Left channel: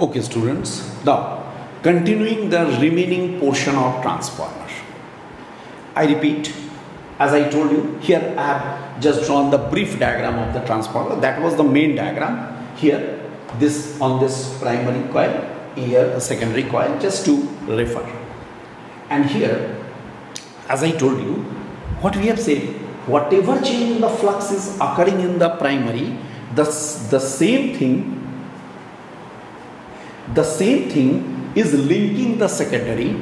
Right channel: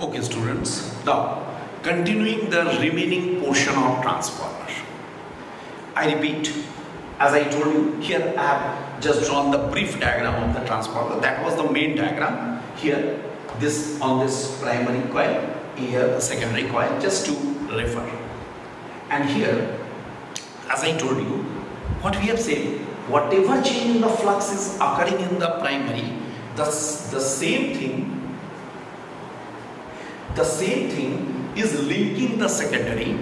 Okay, students, now continuing the remaining portion of transformer. I repeat, as I told you, here I have just drawn the brief diagram of the transformer. That was the main diagram. Here, this on this primary coil, here the secondary coil, just to refer. And here, as I told you, what we have said, whatever change in the flux is occurring in the primary, the same thing is linking the secondary.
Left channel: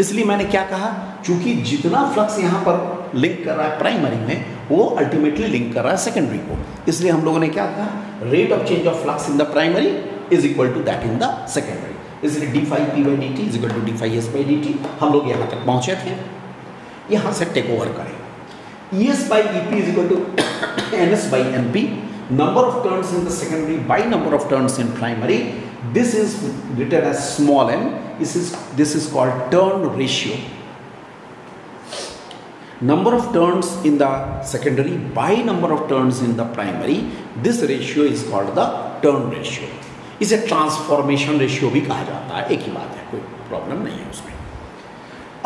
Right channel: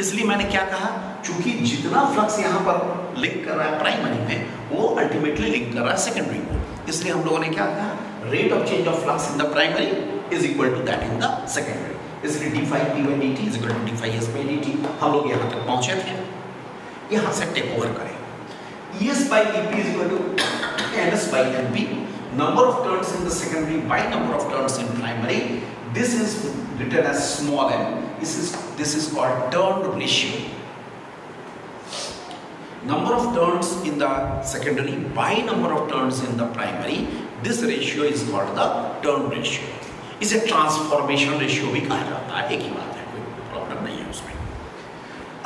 इसलिए मैंने क्या कहा, चूंकि जितना flux यहाँ पर link कर रहा है प्राइमरी में, वो अल्टीमेटली लिंक कर रहा है सेकेंडरी को. इसलिए हम लोगों ने क्या कहा, rate of change of flux in the primary is equal to that in the secondary. इसलिए d phi p by d t is equal to d phi s by d t. हम लोग यहाँ तक पहुंचे थे. यहाँ से टेक ओवर करें. ES by EP is equal to NS by NP. Number of turns in the secondary by number of turns in primary. This is written as small n. This is called turn ratio. Number of turns in the secondary by number of turns in the primary. This ratio is called the turn ratio. इसे transformation ratio भी कहा जाता है. एक ही बात है, कोई problem नहीं है उसमें.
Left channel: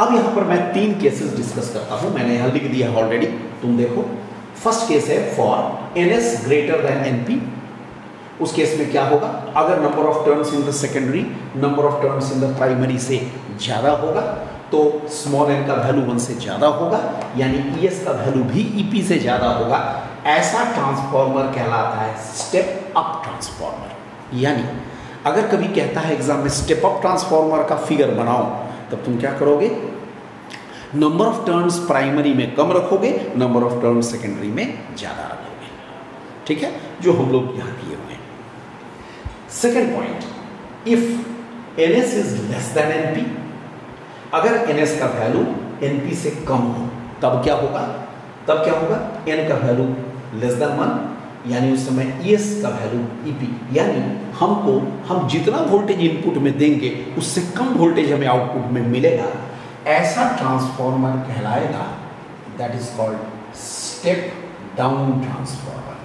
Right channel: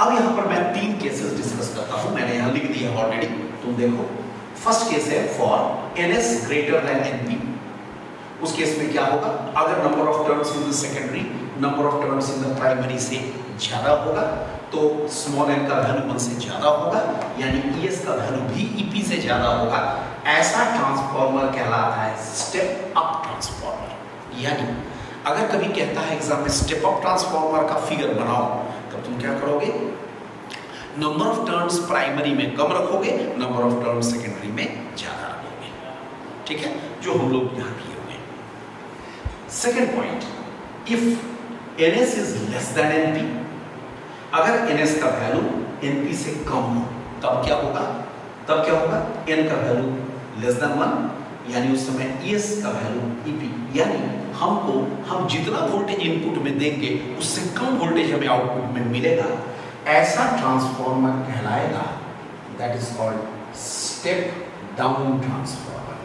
अब यहां पर मैं 3 केसेस डिस्कस करता हूं. मैंने यहां लिख दिया ऑलरेडी, तुम देखो. फर्स्ट केस है for NS greater than NP. उस केस में क्या होगा, अगर number of turns in the secondary number of turns in the primary से ज्यादा होगा तो स्मॉल n का वैल्यू 1 से ज्यादा होगा, यानी ES का वैल्यू भी EP से ज्यादा होगा. ऐसा ट्रांसफॉर्मर कहलाता है स्टेप अप ट्रांसफॉर्मर. यानी अगर कभी कहता है एग्जाम में स्टेप अप ट्रांसफॉर्मर का फिगर बनाओ, तब तुम क्या करोगे, नंबर ऑफ टर्न्स प्राइमरी में कम रखोगे, नंबर ऑफ टर्न्स सेकेंडरी में ज्यादा रखोगे. ठीक है, जो हम लोग यहां किए हुए. Second point, if NS is less than NP, अगर NS का वैल्यू NP से कम हो तब क्या होगा, N का वैल्यू लेस देन 1, यानी उस समय ES का वैल्यू EP, यानी हम जितना वोल्टेज इनपुट में देंगे उससे कम वोल्टेज हमें आउटपुट में मिलेगा. ऐसा ट्रांसफॉर्मर कहलाएगा. That is called step down transformer.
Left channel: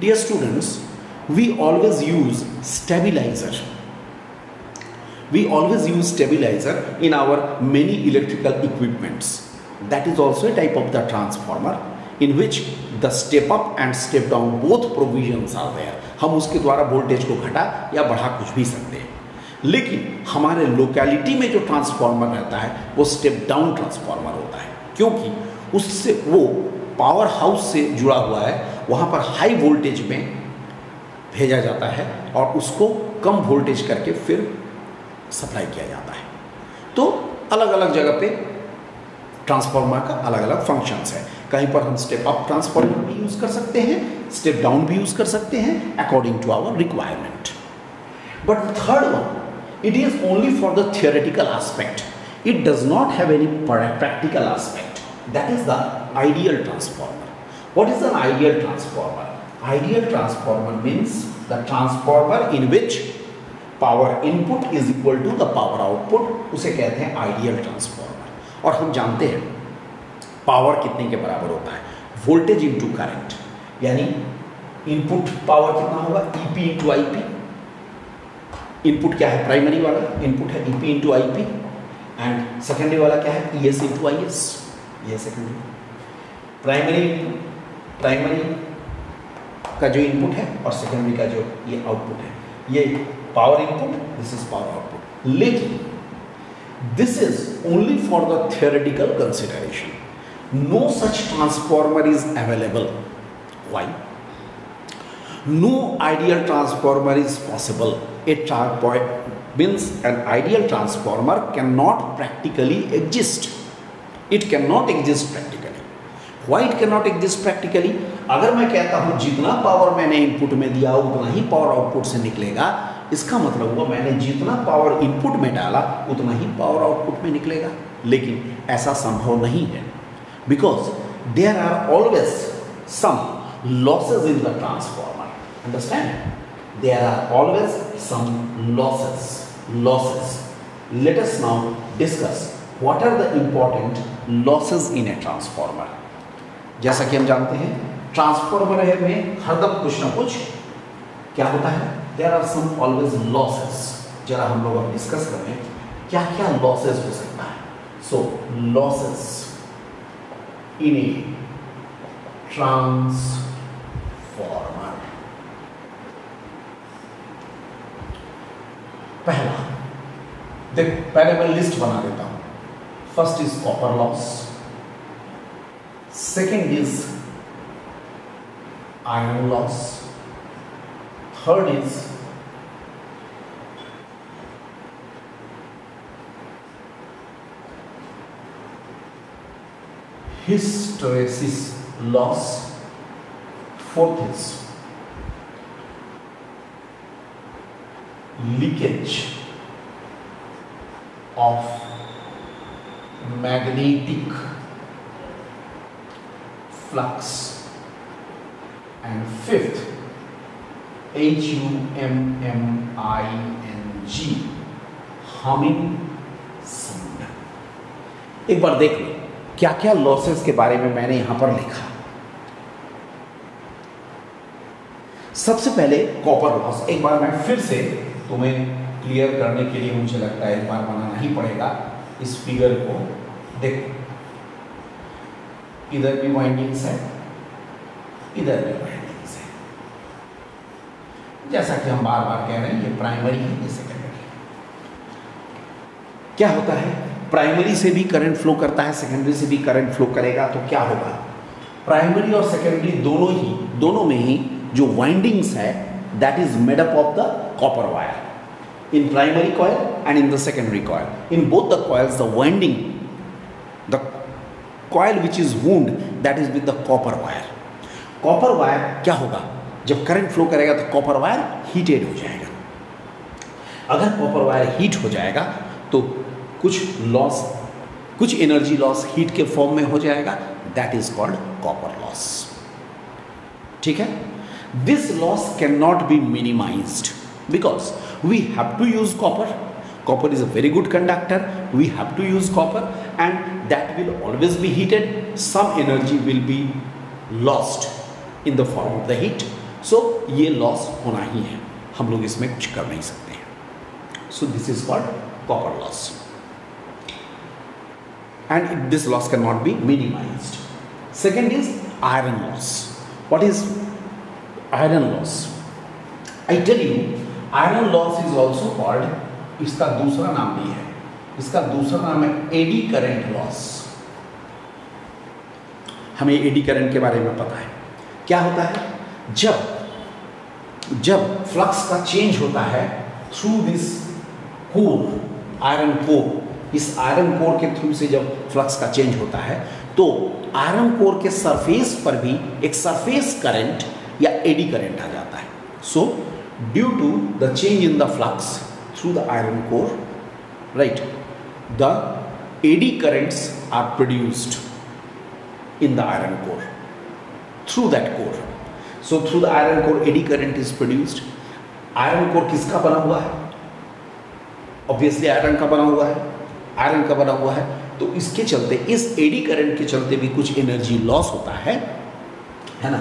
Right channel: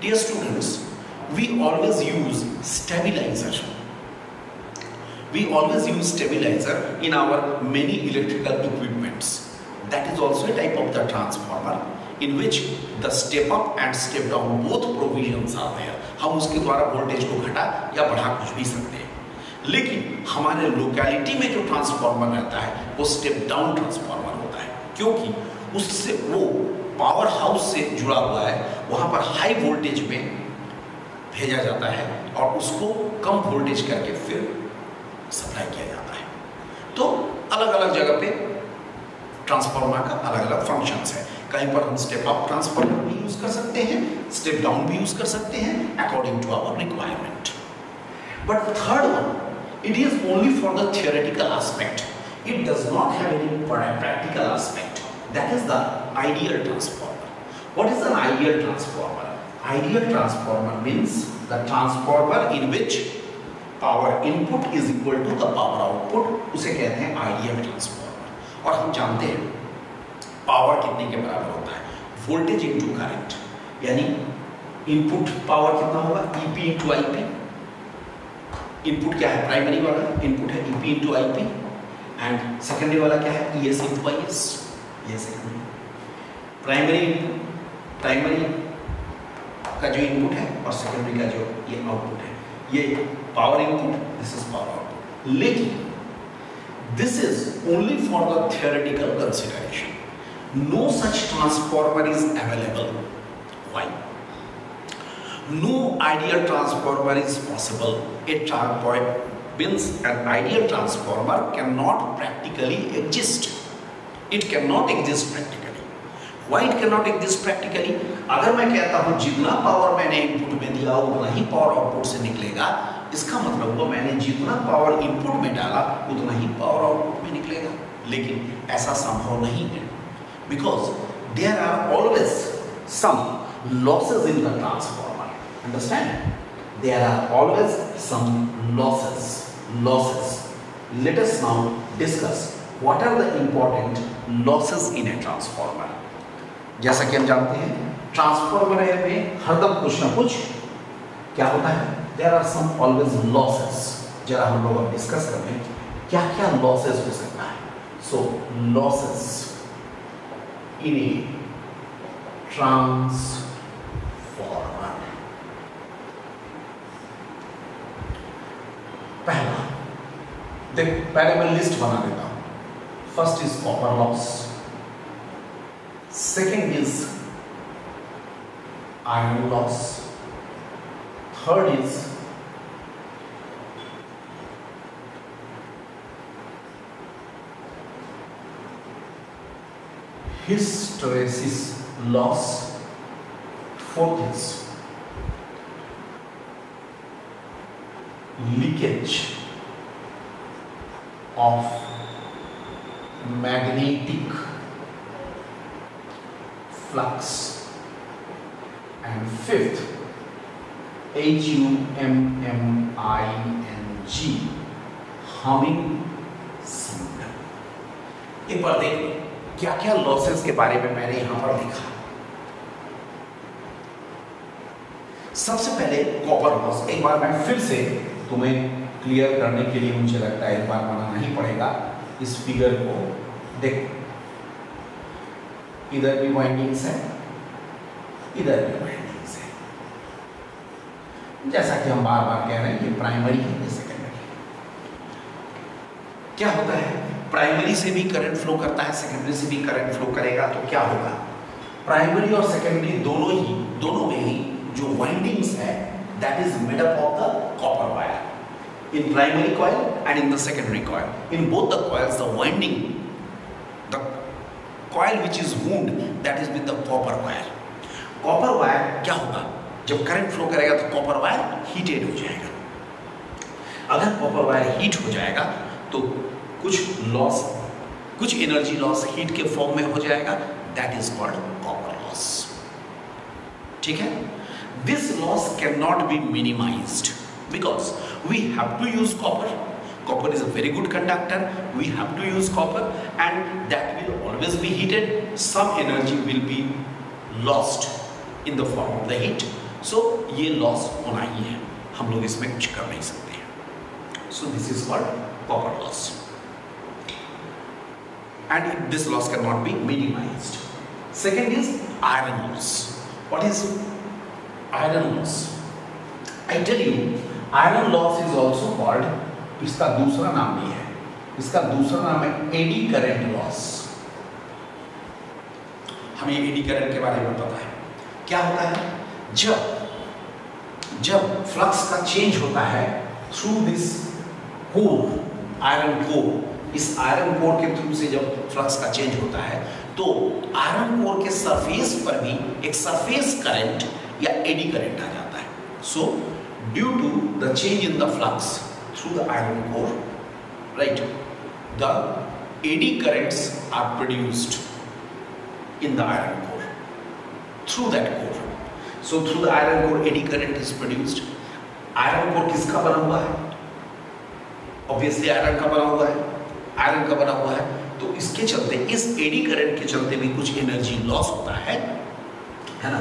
Dear students, we always use stabiliser. In our many electrical equipments. That is also a type of the transformer in which the step up and step down both provisions are there. हम उसके द्वारा voltage को घटा या बढ़ा कुछ भी सकते हैं. लेकिन हमारे लोकेलिटी में जो ट्रांसफॉर्मर रहता है वो स्टेप डाउन ट्रांसफॉर्मर होता है, क्योंकि उससे वो पावर हाउस से जुड़ा हुआ है. वहां पर हाई वोल्टेज में भेजा जाता है और उसको कम वोल्टेज करके फिर सप्लाई किया जाता है. तो अलग अलग जगह पे ट्रांसफॉर्मर का अलग अलग फंक्शंस है. कहीं पर हम स्टेप अप ट्रांसफॉर्मर भी यूज कर सकते हैं, स्टेप डाउन भी यूज कर सकते हैं according to our requirement. But third one, it is only for the theoretical aspect. It does not have any practical aspect. That is the ideal transformer. What is an ideal transformer? Ideal transformer means the transformer in which power input is equal to the power output. उसे कहते हैं ideal transformer. और हम जानते हैं power कितने के बराबर होता है, वोल्टेज इंटू करंट. यानी इनपुट पावर कितना होगा, EP इंटू IP. इनपुट क्या है, प्राइमरी वाला इनपुट है EP into IP, and secondary वाला क्या है, ES इंटू IS. ये सेकेंडरी. प्राइमरी का जो इनपुट है और सेकेंडरी का जो ये आउटपुट है, ये power input, this is power output. लेकिन this is only for the theoretical consideration. No such transformer is available. Why? No ideal transformer is possible. Means an ideal transformer cannot practically exist. It cannot exist practically. Why it cannot exist practically? अगर मैं कहता हूं जितना power मैंने input में दिया उतना ही power output से निकलेगा, इसका मतलब हुआ मैंने जितना पावर इनपुट में डाला उतना ही पावर आउटपुट में निकलेगा. लेकिन ऐसा संभव नहीं है, because there are always some losses in the transformer. Understand? There are always some losses. Let us now discuss what are the important losses in a transformer. जैसा कि हम जानते हैं ट्रांसफॉर्मर में हरदम कुछ ना कुछ क्या होता है, there are some always losses. जरा हम लोग अब डिस्कस कर लें क्या क्या लॉसेस हो सकता है। सो लॉसेस इन ए ट्रांसफॉर्मर। पहला देख, पहले मैं लिस्ट बना देता हूं। First is copper loss, second is iron loss, third is hysteresis loss, fourth is leakage of magnetic flux, and fifth HUMMING humming sound। एक बार देख लो क्या क्या लॉसेस के बारे में मैंने यहां पर लिखा। सबसे पहले कॉपर लॉस, एक बार मैं फिर से तुम्हें क्लियर करने के लिए मुझे लगता है एक बार बनाना ही पड़ेगा इस फिगर को। देखो इधर भी वाइंडिंग्स है, इधर भी वाइंडिंग्स है। जैसा कि हम बार बार कह रहे हैं ये प्राइमरी है, ये सेकेंडरी। क्या होता है, प्राइमरी से भी करंट फ्लो करता है, सेकेंडरी से भी करंट फ्लो करेगा। तो क्या होगा, प्राइमरी और सेकेंडरी दोनों में ही जो वाइंडिंग्स है that is made up of the copper wire in primary coil and in the secondary coil. In both the coils the winding, the coil which is wound that is with the copper wire. Copper wire क्या होगा, जब current flow करेगा तो copper wire heated हो जाएगा। अगर copper wire heat हो जाएगा तो कुछ एनर्जी लॉस हीट के फॉर्म में हो जाएगा, that is called copper loss. ठीक है, this loss can not be minimised because we have to use copper. Copper is a very good conductor. We have to use copper and that will always be heated. Some energy will be lost in the form of the heat. So ये loss होना ही है, हम लोग इसमें कुछ कर नहीं सकते। So this is called copper loss and this loss cannot be minimized. Second is iron loss. What is iron loss? I tell you iron loss is also called, इसका दूसरा नाम भी है, इसका दूसरा नाम है एडी करंट लॉस। हमें एडी करंट के बारे में पता है। क्या होता है, जब फ्लक्स का चेंज होता है through this core, iron core, इस आयरन कोर के थ्रू से जब फ्लक्स का चेंज होता है तो आयरन कोर के सरफेस पर भी एक सरफेस करंट या एडी करंट आ जाता है। सो due to the change in the flux through the iron core, right, the eddy currents are produced in the iron core through that core. So through the iron core eddy current is produced. Iron core किसका बना हुआ है, obviously iron का बना हुआ है, iron का बना हुआ है, तो इसके चलते, इस एडी करंट के चलते भी कुछ एनर्जी लॉस होता है ना,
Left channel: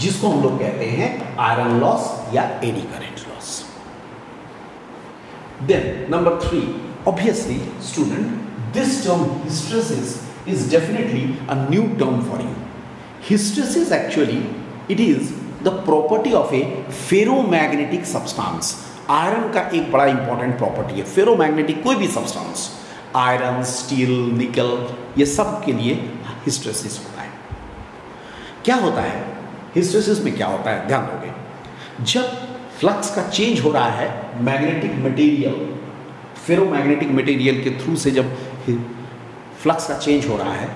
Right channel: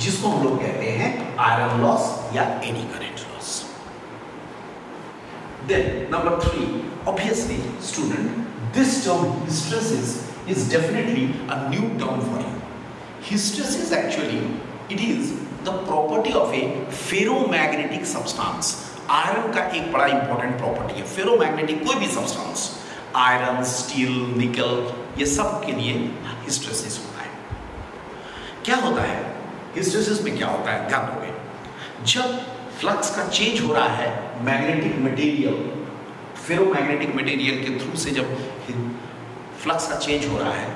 जिसको हम लोग कहते हैं आयरन लॉस या eddy current loss. Then number 3, obviously student, this term hysteresis is definitely a new term for you. Hysteresis actually it is the property of a ferromagnetic substance. Iron का एक बड़ा इंपॉर्टेंट प्रॉपर्टी है, ferromagnetic कोई भी substance, iron, steel, निकल, ये सब के लिए हिस्टेरेसिस होता है। क्या होता है हिस्टेरेसिस में, क्या होता है, ध्यान दोगे, जब फ्लक्स का चेंज हो रहा है मैग्नेटिक मटेरियल, फेरोमैग्नेटिक मटेरियल के थ्रू से जब फ्लक्स का चेंज हो रहा है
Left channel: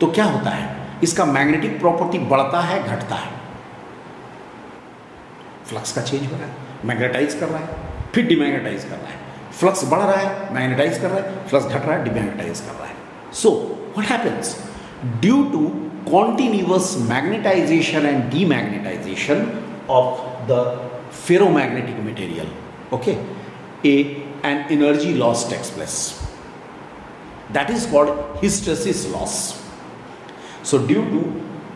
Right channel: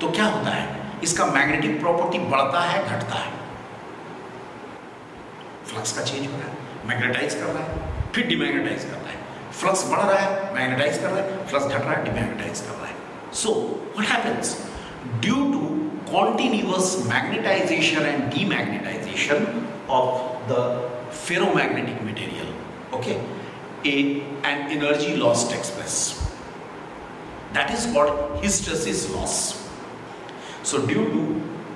तो क्या होता है, इसका मैग्नेटिक प्रॉपर्टी बढ़ता है, घटता है। फ्लक्स का चेंज हो रहा है, मैग्नेटाइज कर रहा है, फिर डिमैग्नेटाइज कर रहा है, फ्लक्स बढ़ रहा है, मैग्नेटाइज कर रहा है, फ्लक्स घट रहा है, डिमैग्नेटाइज कर रहा है। So what happens, due to continuous magnetization and demagnetization of the ferromagnetic material, okay, an energy loss takes place, that is called hysteresis loss. So due to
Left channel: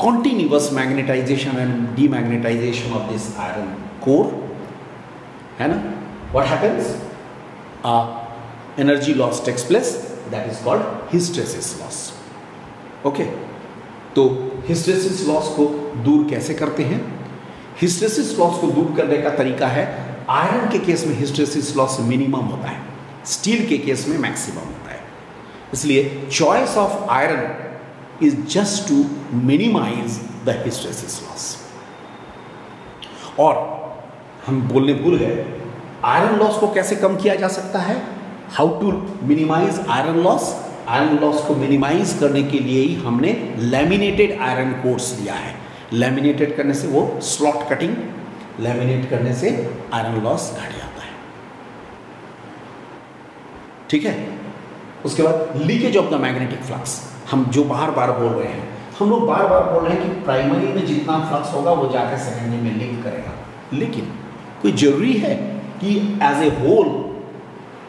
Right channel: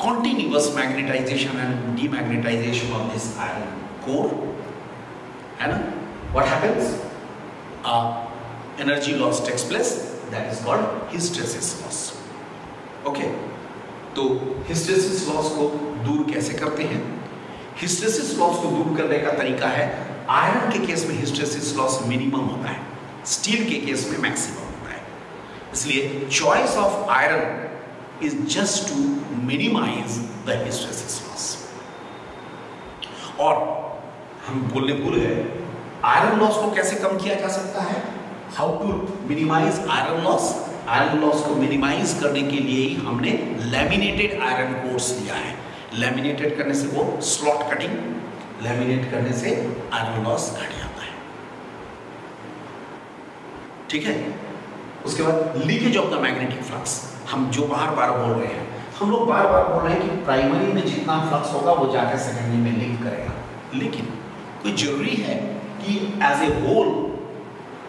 continuous magnetization and demagnetization of this iron core, है ना? What happens? Energy loss takes place, that is called hysteresis loss. Okay, तो hysteresis loss को दूर कैसे करते हैं? Hysteresis loss को दूर करने का तरीका है, आयरन के केस में हिस्टेरेसिस लॉस मिनिमम होता है, स्टील के केस में मैक्सिमम होता है। इसलिए choice of iron is just to minimise the hysteresis loss. और हम बोलने भूल गए, आयरन लॉस को कैसे कम किया जा सकता है? How to minimise iron loss? Iron loss को मिनिमाइज करने के लिए ही हमने लैमिनेटेड आयरन कोर्स लिया है। लैमिनेटेड करने से वो स्लॉट कटिंग, लैमिनेट करने से आयरन लॉस घट जाता है। ठीक है, उसके बाद leakage of the magnetic flux, हम जो बार बार बोल रहे हैं, हम लोग बार बार बोल रहे हैं कि प्राइमरी में जितना फ्लक्स होगा वो जाकर सेकेंडरी में लिंक करेगा, लेकिन कोई जरूरी है कि as a whole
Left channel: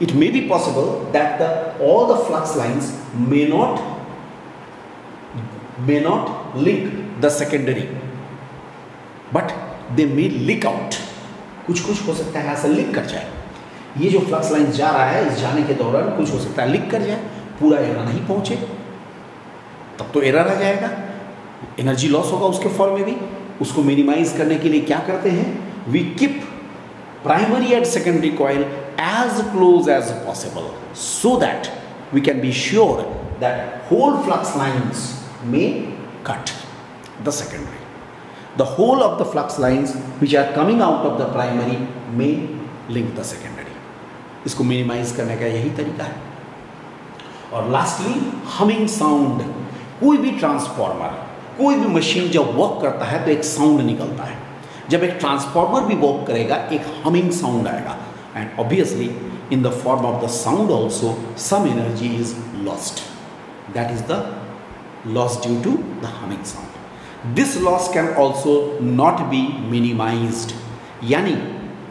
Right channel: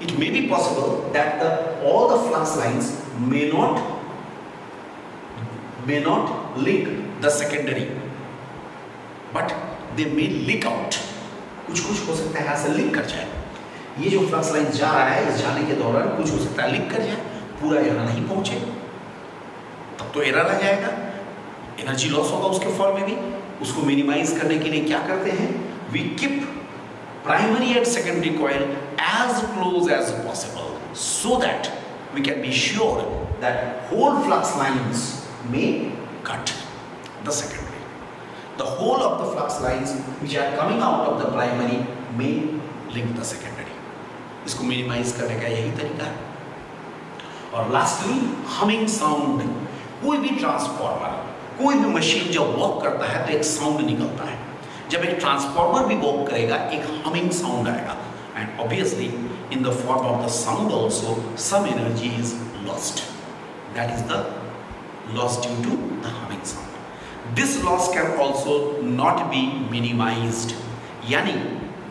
it may be possible that all the flux lines may not link the secondary, but they may leak out. कुछ हो सकता है ऐसा लिंक कर जाए। ये जो फ्लक्स लाइन जा रहा है, इस जाने के दौरान कुछ हो सकता है लिंक कर जाए, पूरा यहाँ नहीं पहुंचे, तब तो एरर आ जाएगा, एनर्जी लॉस होगा उसके फॉल में भी। उसको मिनिमाइज करने के लिए क्या करते हैं? We keep primary and secondary coil as close as possible so that we can be sure that whole flux lines may cut the secondary. The whole of the flux lines which are coming out of the primary may link the secondary. इसको minimise करने का यही तरीका है। और lastly humming sound. कोई भी transformer, कोई भी मशीन जब वर्क करता है तो एक साउंड निकलता है। जब एक ट्रांसफॉर्मर भी वर्क करेगा एक हमिंग साउंड आएगा, and obviously in the form of the sound also some energy is lost, that is the loss due to the humming sound. This loss can also not be minimised, यानी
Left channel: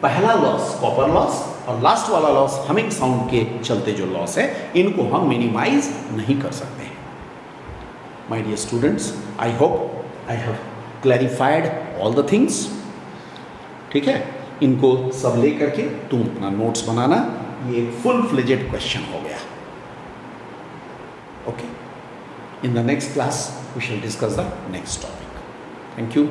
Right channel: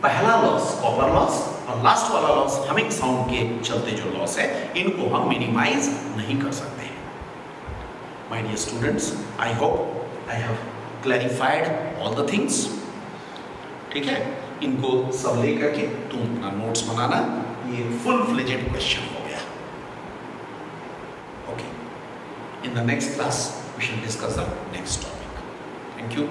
पहला loss copper loss और last वाला loss humming sound के चलते जो loss है, इनको हम मिनिमाइज नहीं कर सकते। My dear students, I hope I have clarified all the things. ठीक है, इनको सब लेकर के तुम अपना नोट्स बनाना, ये एक फुल फ्लेजेड क्वेश्चन हो गया। Okay, in the next class we shall discuss the next topic. Thank you.